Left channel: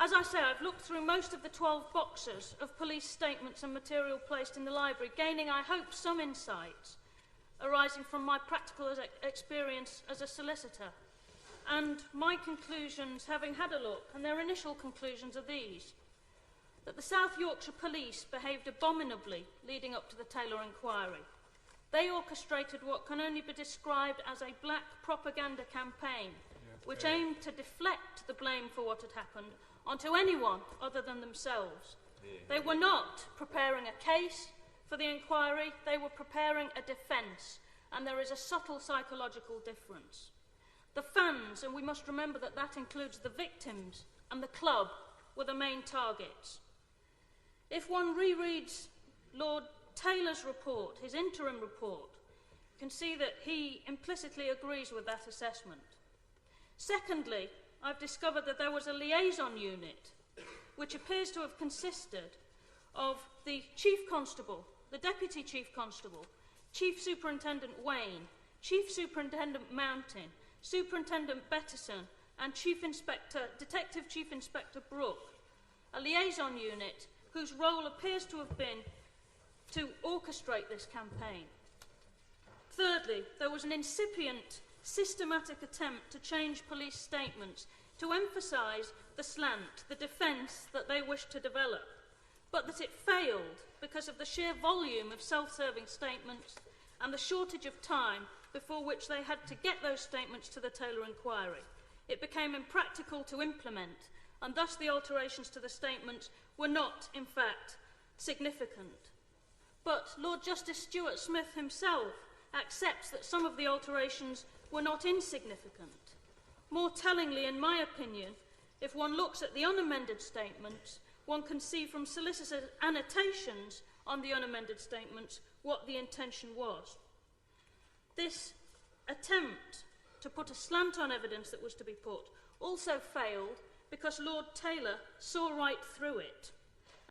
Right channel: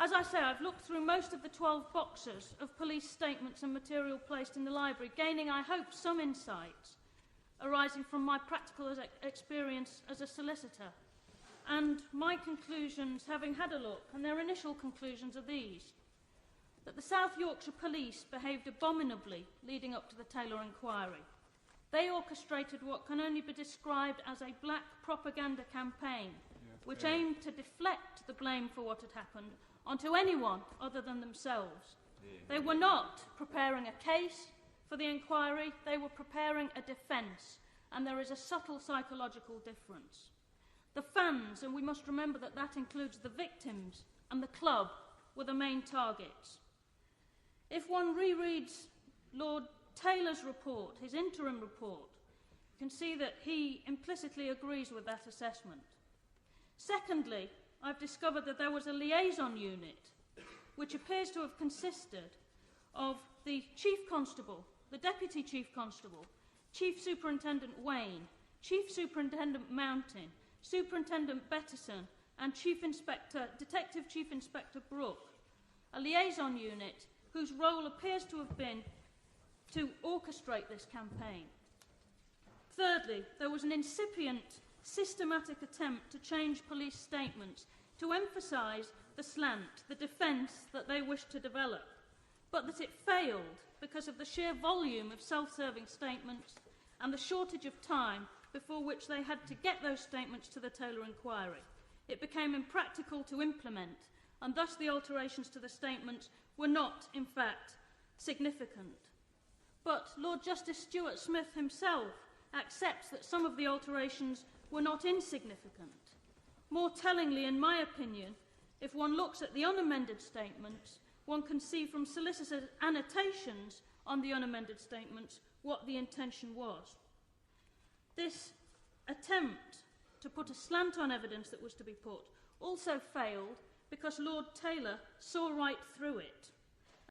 As I say, I've looked through most of the 12 boxes of police statements and material placed in the library, gaining, I hope, some insights arising from my practical experience as a solicitor. And my conclusions, having had a look, and their initial conclusions are these: that the South Yorkshire Police behaved abominably leading up to the Taylor inquiry. They orchestrated what can only be described as a black propaganda campaign, which aimed to deflect the blame for what had happened onto anyone other than themselves. They were not preparing a case for the inquiry, they were preparing a defence, and there is a subtle psychological difference. The fans, and we must remember that that includes the victims, and the club were the main targets. If one rereads Lord Taylor's report, his interim report, you can see that he implicitly agrees with that assessment. Secondly, I've discovered that there was a liaison unit which appears to have consisted of the Chief Constable, the Deputy Chief Constable, Chief Superintendent Wayne, Chief Superintendent Mountain, Superintendent Bettison, and Detective Chief Inspector Brooke, a liaison unit whose role appears to have been to orchestrate this campaign. Thirdly, there was an incipient, systematic attempt to change police statements to emphasise the slant, the defence that they wished to develop, but that it failed because of the sheer volume of self-serving statements and the shortage of time before which they had to get those statements to the Taylor inquiry. It became impractical to implement, and thus the alterations to the statements were not, in fact, significant. But Lord Justice Stuart Smith himself accepts that some of the alterations were not insignificant. More tellingly, in my opinion, if one looks at the unamended statements, one can see from solicitors' annotations on the unamended statements what the intention was. This attempt to put a slant on evidence that was to be put also failed because Lord Taylor saw right through it.